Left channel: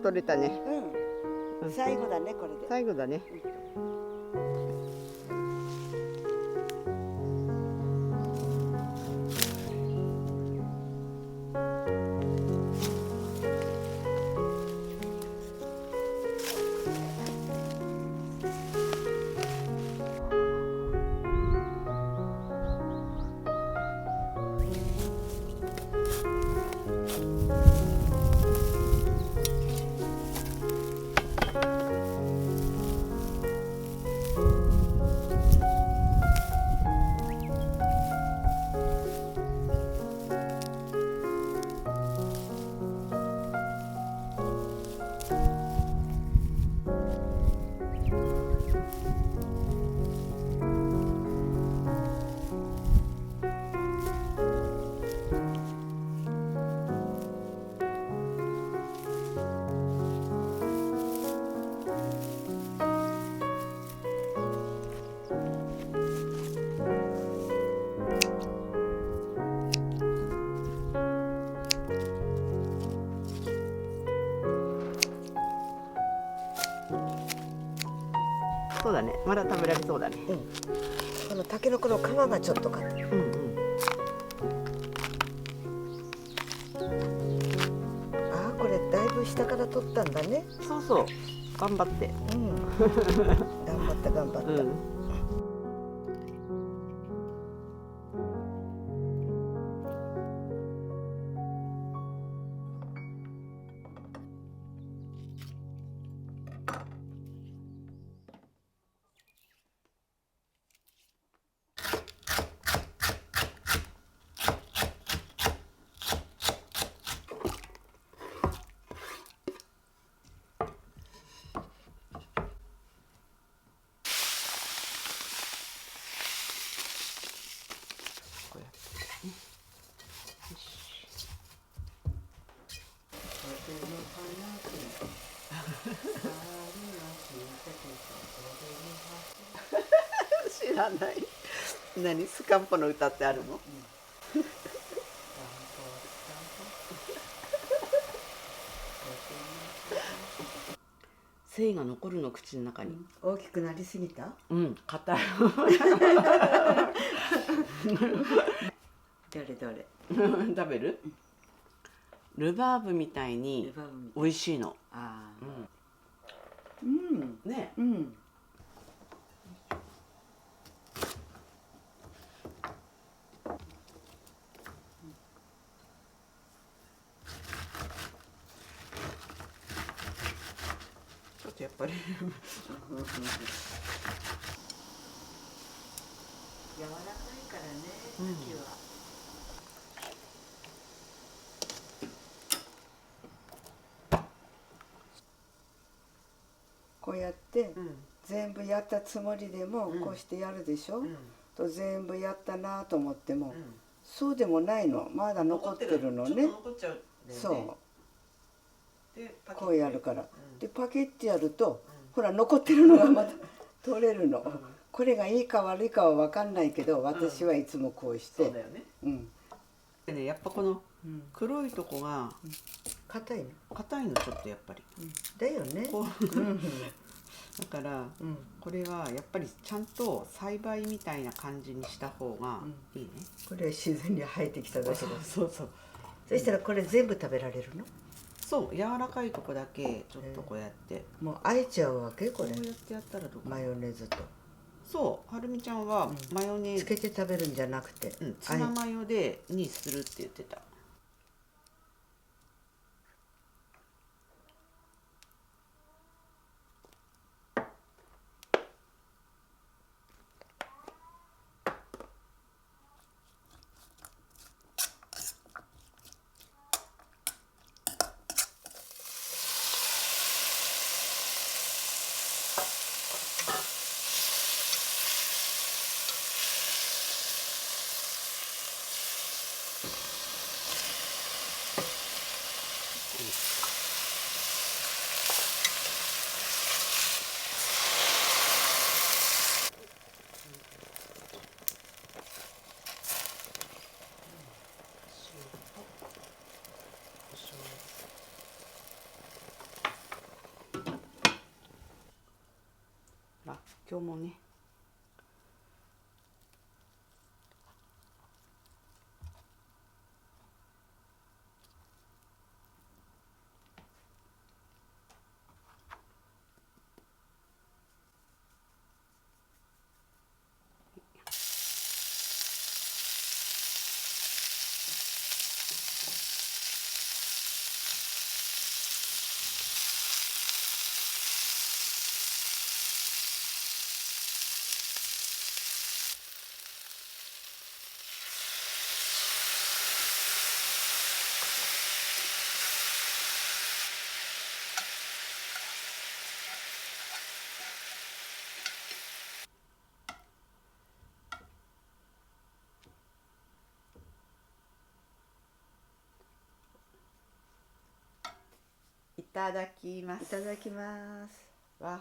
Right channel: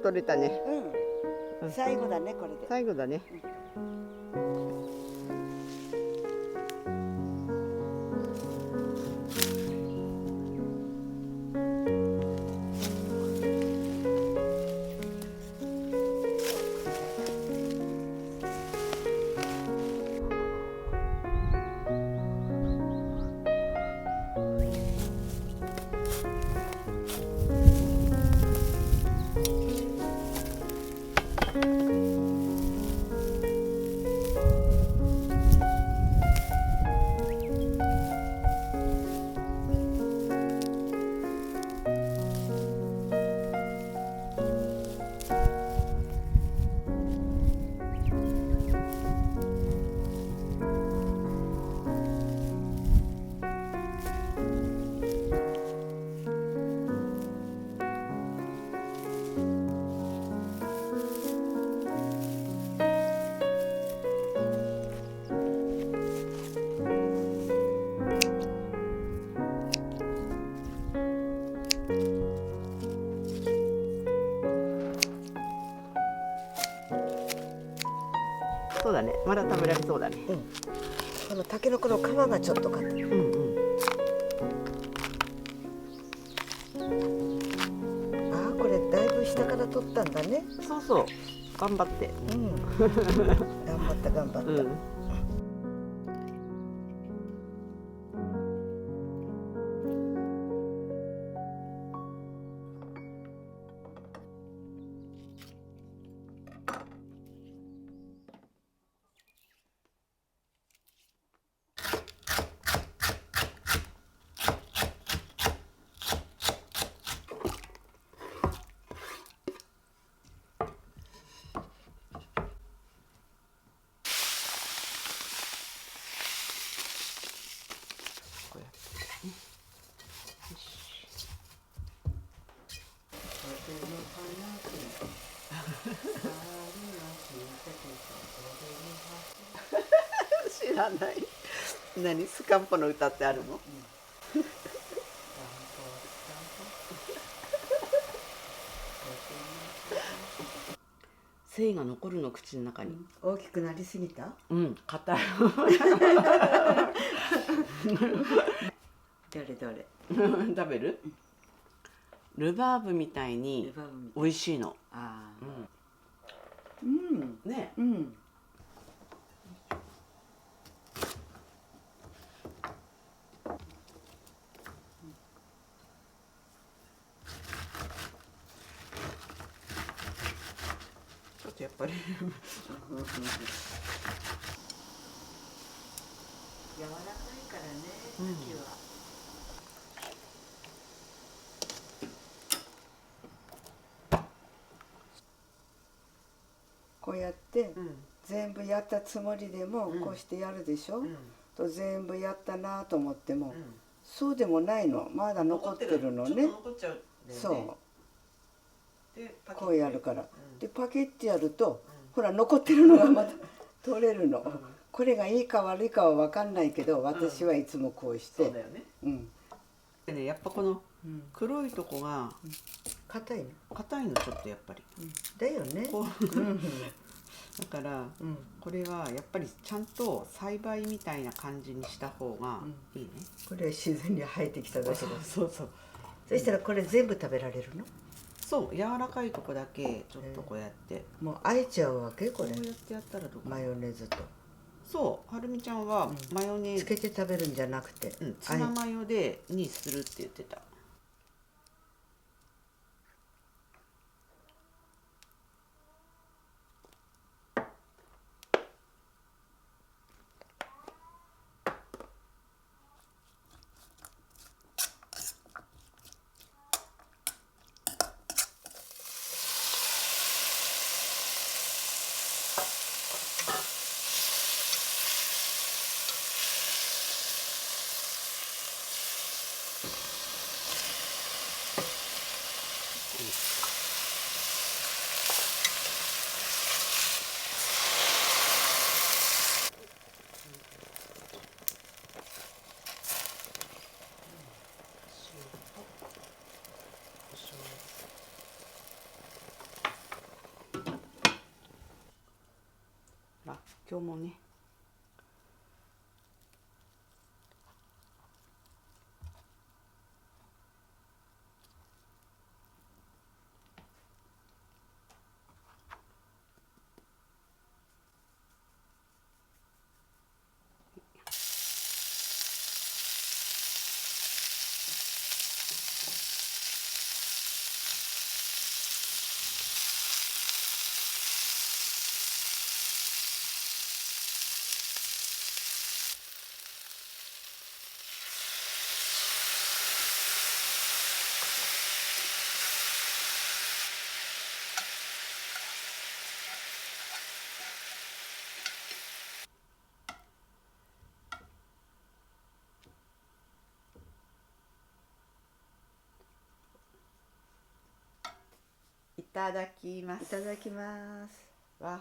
取れたね。うん。最後だねこれで。最後だね。そうだね。まだ食べられそうだね。うん。このタケノコの皮がちょっと硬い。うんうん。ああ、これだいぶ下から取ったんだね。そうそう。頑張って。うん。頑張った頑張った。うん。知らない。何スカンポの歌ってあるの？繊維が残るの口の中に。大きくなりすぎた？うん、硬い。どれどれ。食べる？ルバーブみたいに美味しいの。ああ。うん。ね。うん。ちょっとやっぱり柔らかいからね、牡蠣は。こうやって全部やったつもりでもこうしてやるでしょ、と全部やったなと思っても、そうでもないの、まだ残ってるのね。そうこうやるから、でパケってやると、ほら残ってるのがまた取れるの、これがいいか悪いかは分かんないけど、私はいつもこうして。そうだよね。でね、やっぱこの黒いとこが硬いの。硬いのちょっとやっぱり。だよね。だから、これはやっぱりちゃんと栽培みたいな感じにした方がいいね。これは自然に生えてきただけだ。そうそう。そしたらこれ全部食べられるの？そう、柔らかいとこだけちょっとこうやって。もうあえちゃうわけこれ。こうやってやったらどうか。マヨネーズと。そう、はるみちゃんはマヨネーズつけて食べるんじゃなくて、ツナマヨにするって言ってた。今日もね。いただきます。いただきます。わ、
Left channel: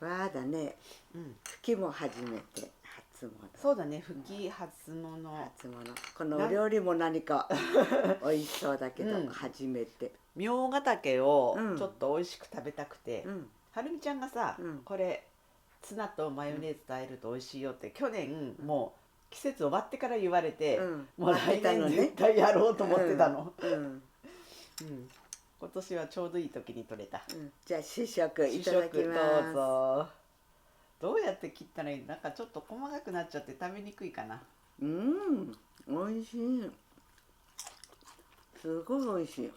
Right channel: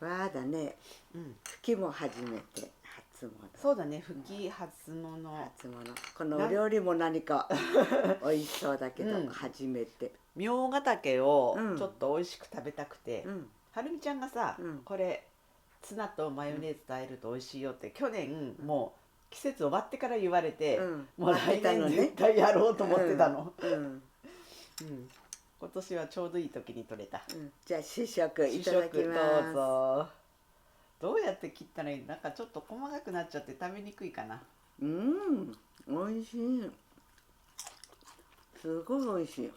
わーだね。うん。吹きも初めて。初物。そうだね。吹き初物。初物。このお料理も何か美味しそうだけど、初めて。みょうが竹をちょっと美味しく食べたくて、はるみちゃんがさ、これツナとマヨネーズと和えると美味しいよって去年もう季節終わってから言われて、もう来年絶対やろうと思ってたの。今年はちょうどいい時に取れた。じゃあ試食いただきます。どうぞ。どうやって切ったらいい？なんかちょっと細かくなっちゃって食べにくいかな。美味しい。すごい美味し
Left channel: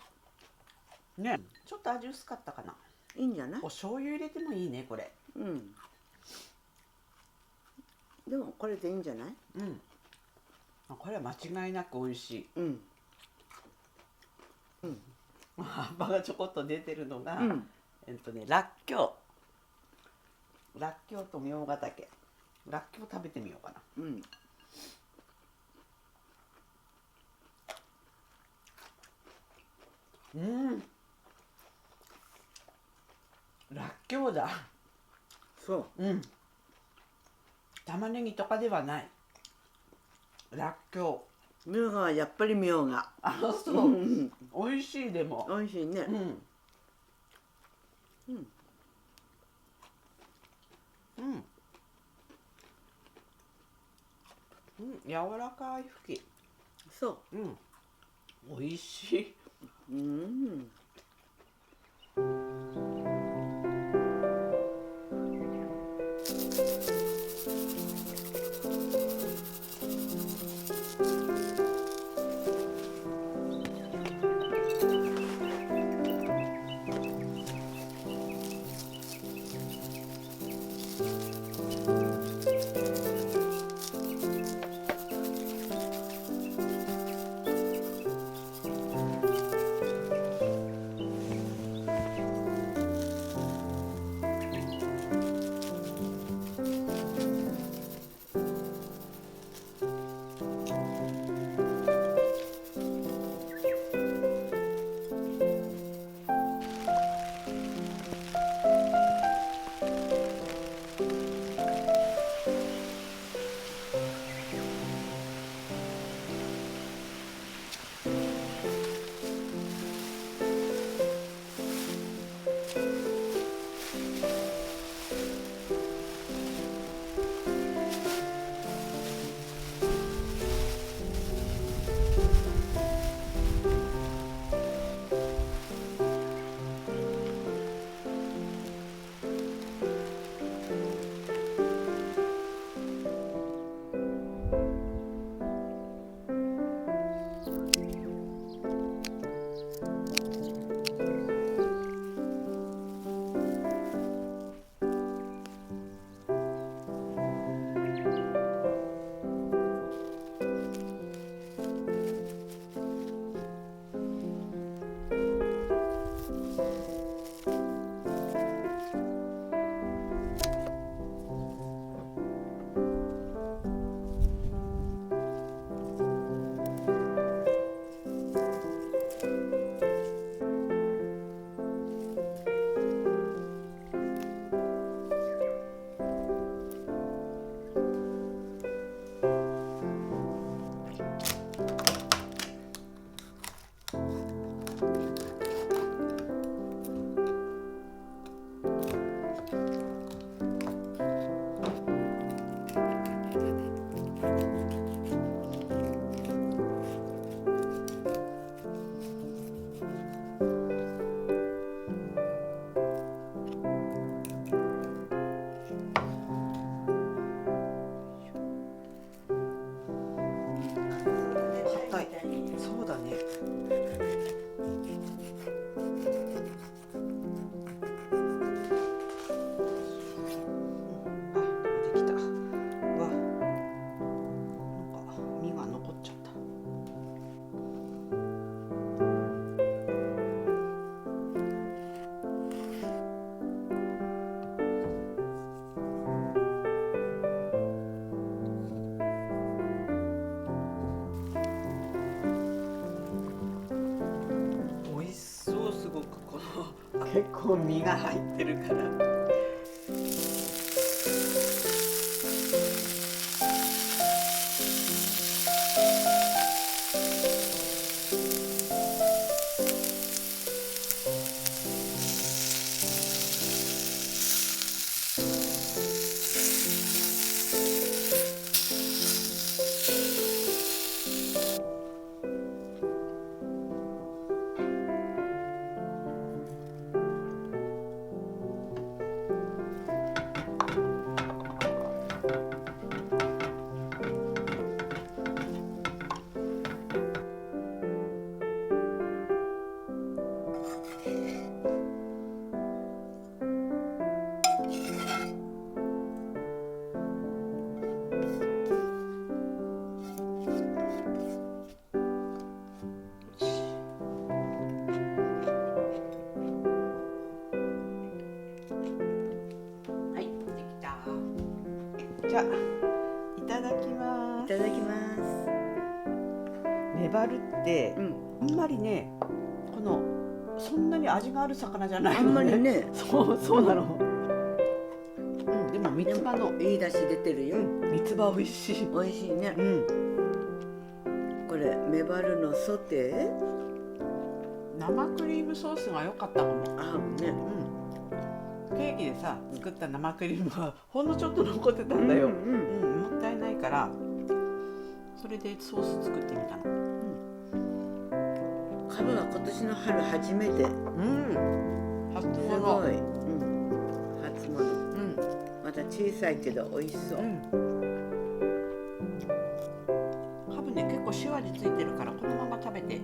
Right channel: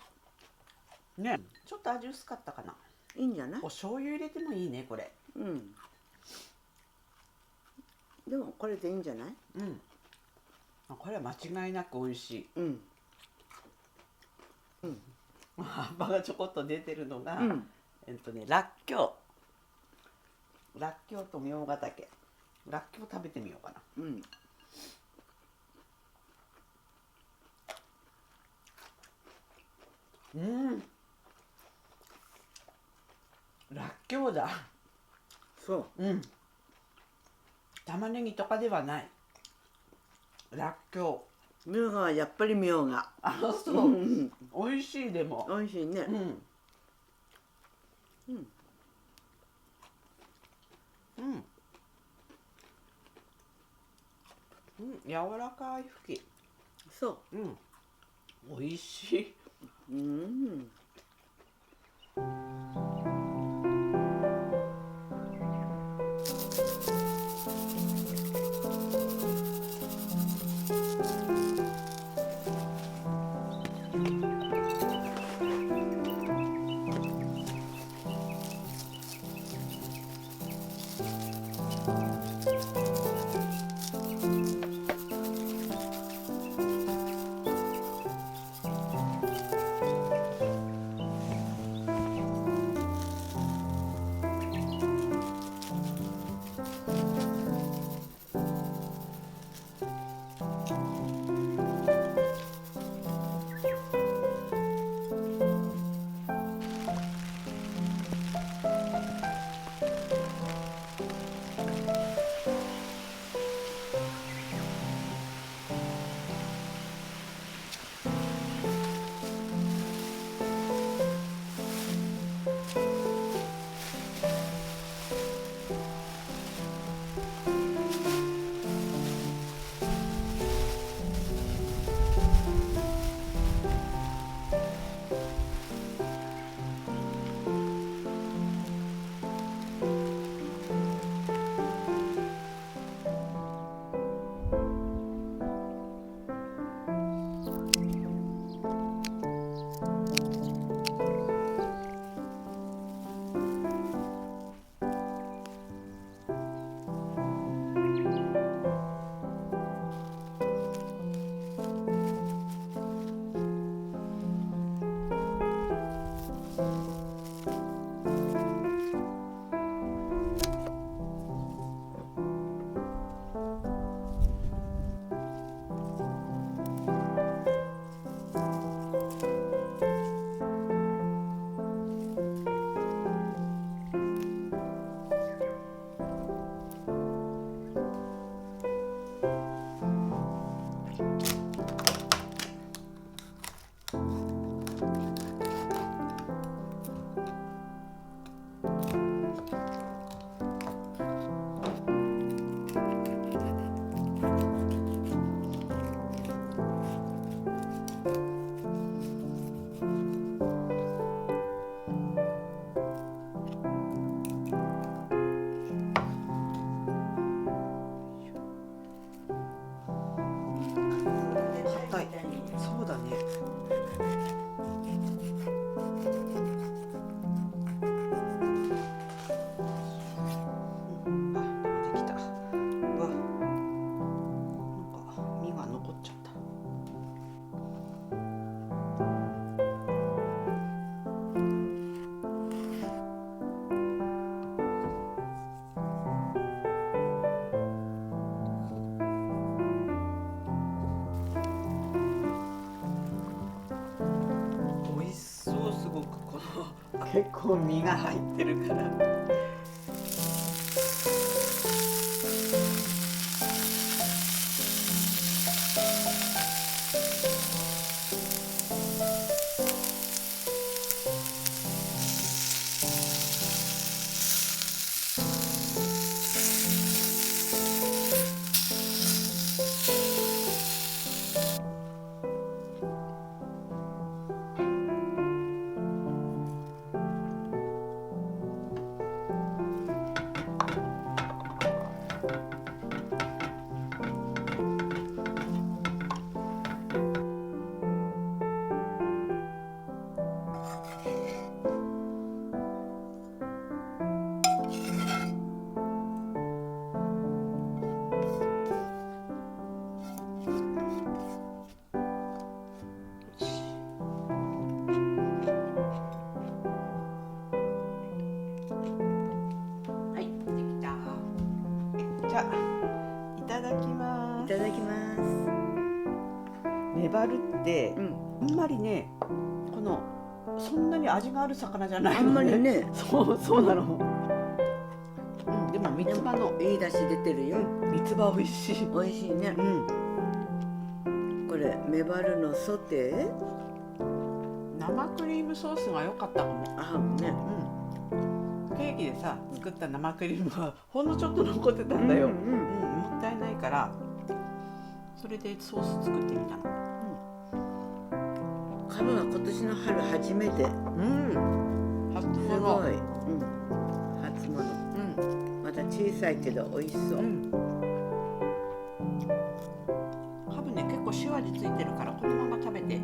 い。ね、ちょっと味薄かったかな。いいんじゃない？お醤油入れてもいいね、これ。でもこれでいいんじゃない？これは間違いなく美味しい。葉っぱがちょこっと出てるのが、らっきょう。らっきょうとみょうが竹。らっきょう食べてみようかな。らっきょうだ。そう。玉ねぎとかではない。らっきょう。みょうがはやっぱりみょうが。そう。美味しいでも。美味しいね。柔らかい吹き。そう。美味しい。結構身が入ってるから。じゃあいただきます。いただきます。メバルって、あんまりね、そんなに味がある魚じゃないのね。あんまりね。そうなの。でも三つ葉のいい出汁出てるよ。三つ葉美味しい。美味しいね。これメバルのソテー。生クリームソースが良かったかも。合うね。ケーキでさ作った生クリームがほんのちょっと残ってたんだよ。もったいないからそれでソース作ってみたの。カブは今年の春初めて。初物。すごい。初物。まだ小さいけど美味しそう。カブね結構塩味ついてるからこのまま食べて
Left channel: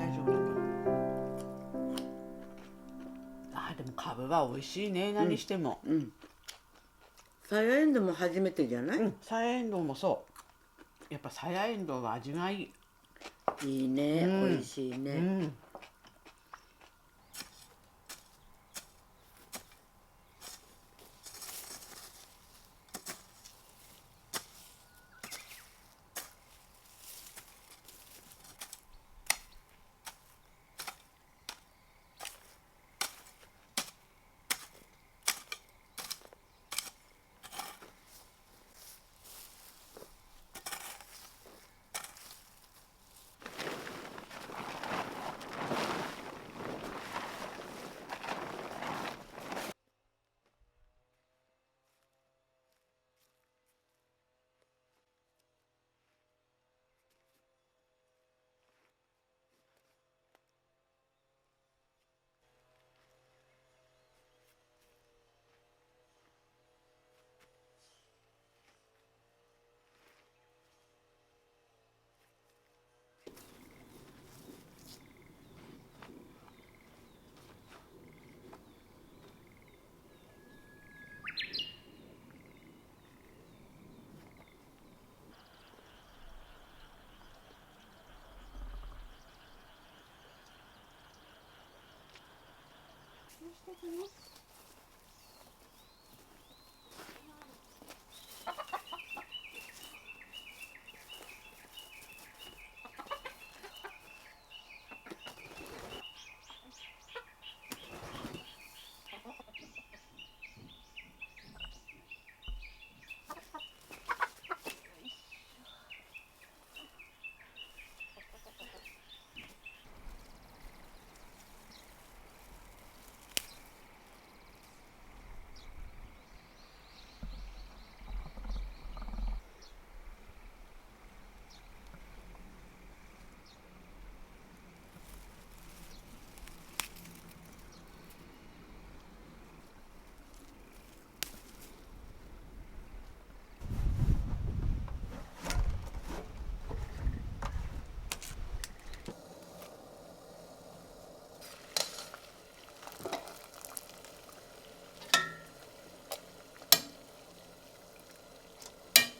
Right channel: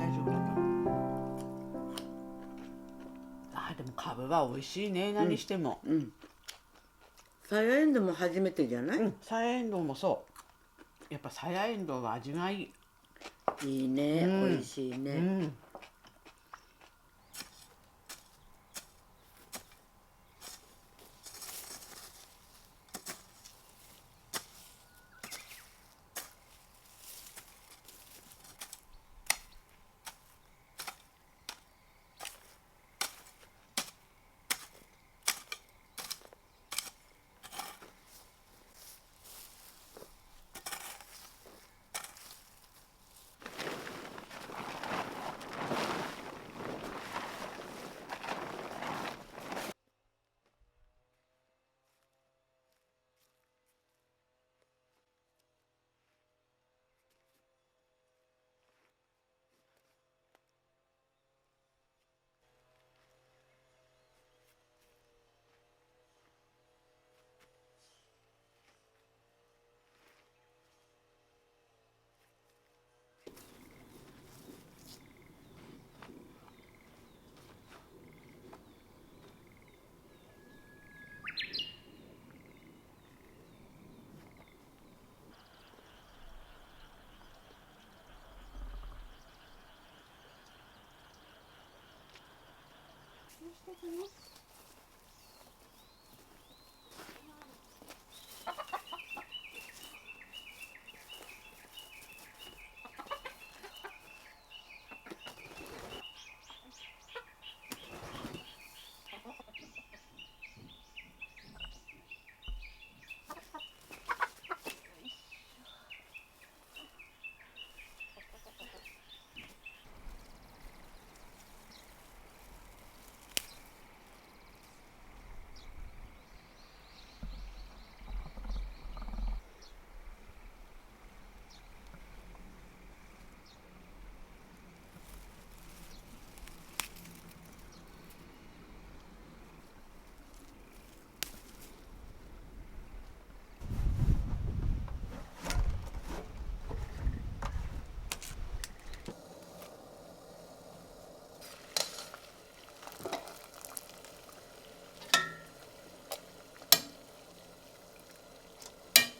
大丈夫だと思う。でもカブは美味しいね、何しても。さやえんどうも初めてじゃない？さやえんどうもそう。やっぱさやえんどうは味がいい。いいね、美味しいね。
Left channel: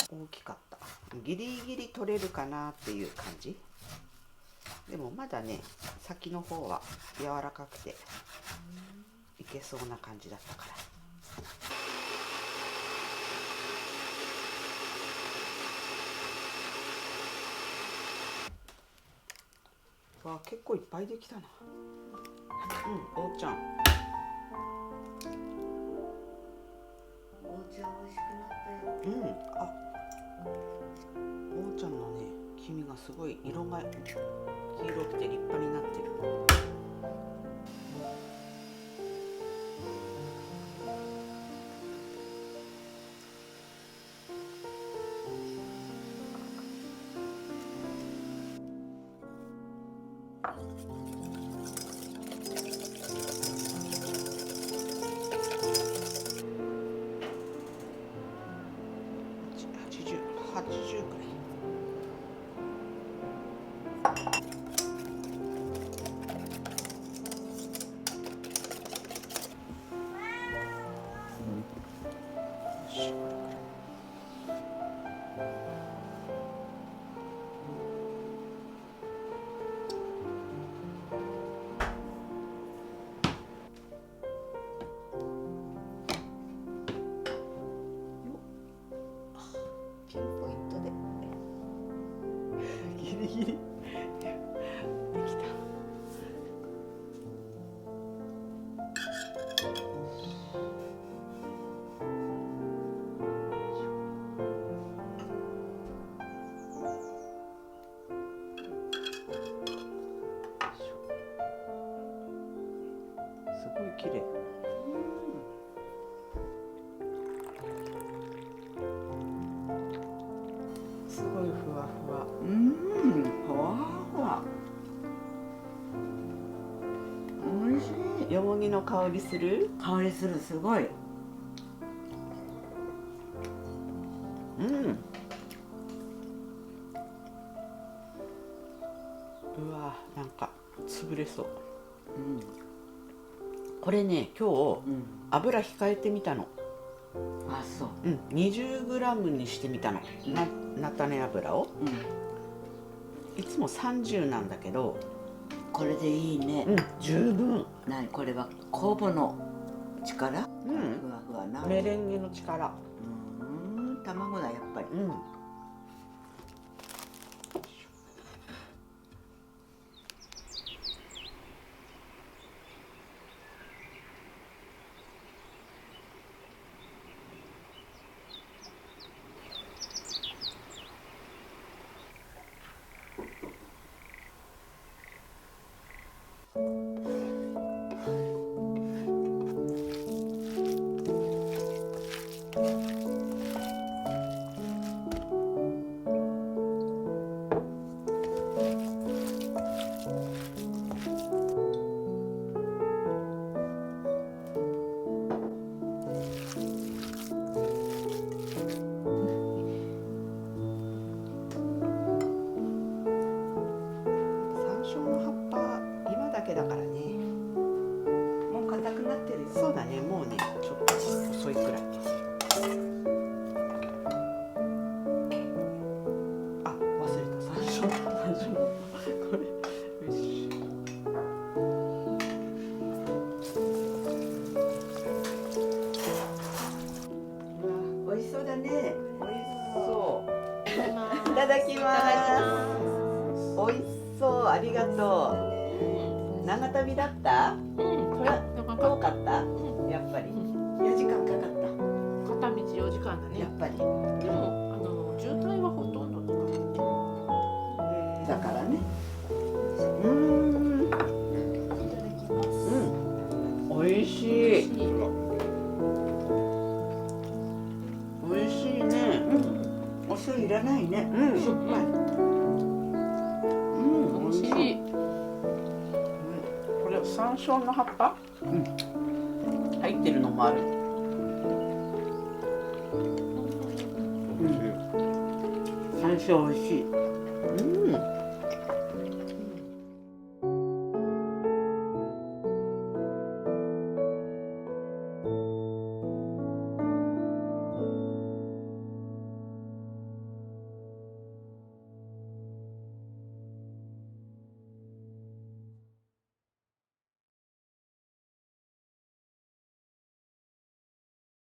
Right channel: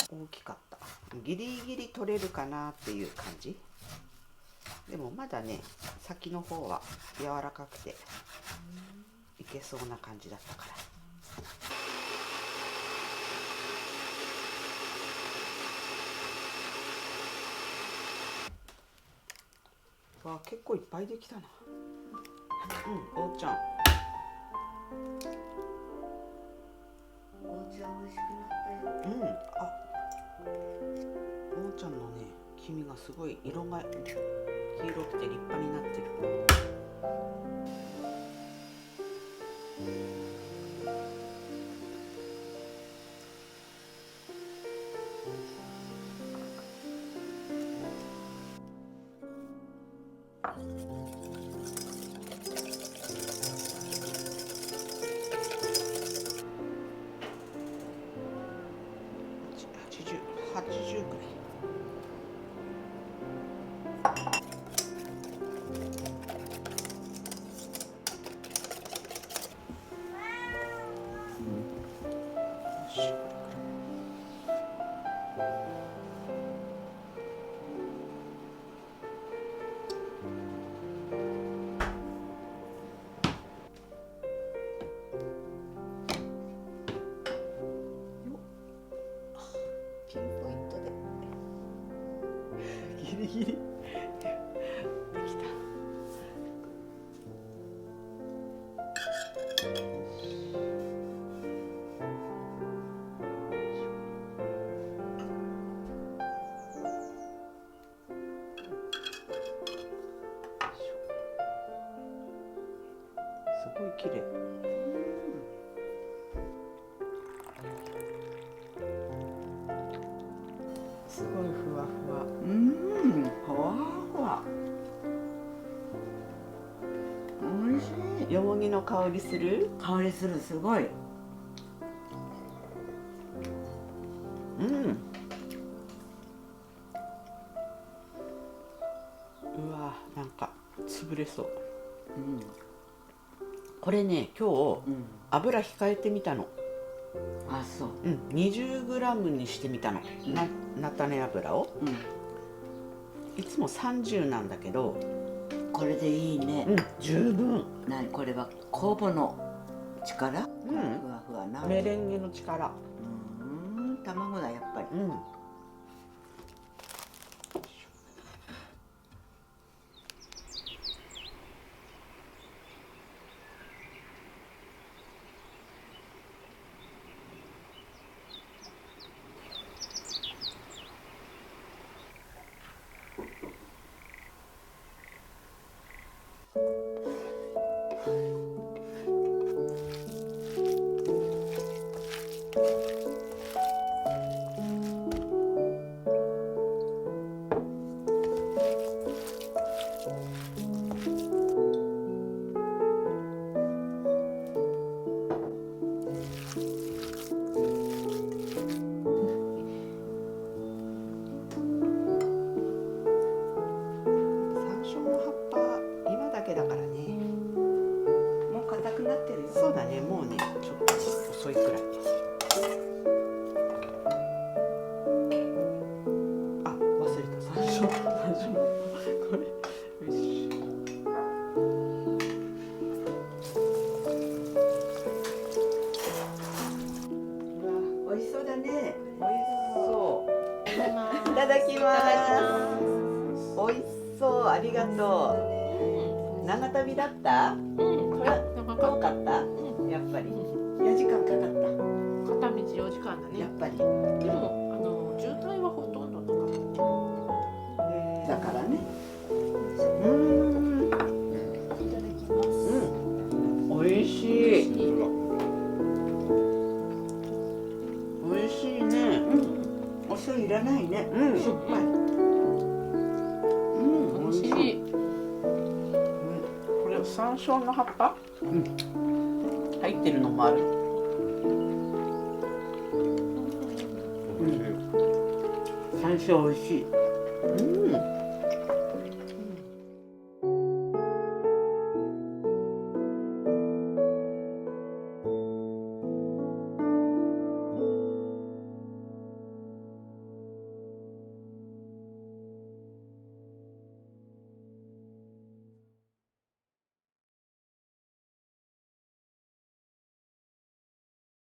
大きかった。ギリギリ取れるかなっていう感じ。でもまだね先の方は柔らかくていけそうな感じだったから。わあ結構いっぱいできたな。おうちゃんちゃん美味しくなったよ。うん、あ、おーちゃんのね、黄身がすごい色が黄色くて立派になってる。80くらい。ピンポイントでギリギリできた。すごい綺麗。すごいふわふわ。ふわふわ。美味しい。よもぎの香りする？香りする、すごい。うわ、なんか潰れそう。これね、今日、油控えてみたの。あ、そう。20g にしてみたの。菜種油を。いつも30なんだけど。これでいいね。十分。これは酵母の力？ふわふわな。メレンゲの力。卵だやっぱり。山椒の葉っぱ今だけだからね。もう硬くなってるよ。そうだね、もうね、ちょっと遅いくらい。あ、忘れた、山椒。これ、よし。うわ、美味しそうだね。美味しそう。いただきます。美味しそう、ありがとう。長旅だった？遠かった？やっぱり。4時間かかった。片道4時間だね。やっぱり。でも渋滞はほとんどなかったね。だからね。いただきます。美味しい。美味しいね。お醤油いらないね。しょっぱい。美味しい。これ山椒の葉っぱ？入ってるのもある。山椒美味しい。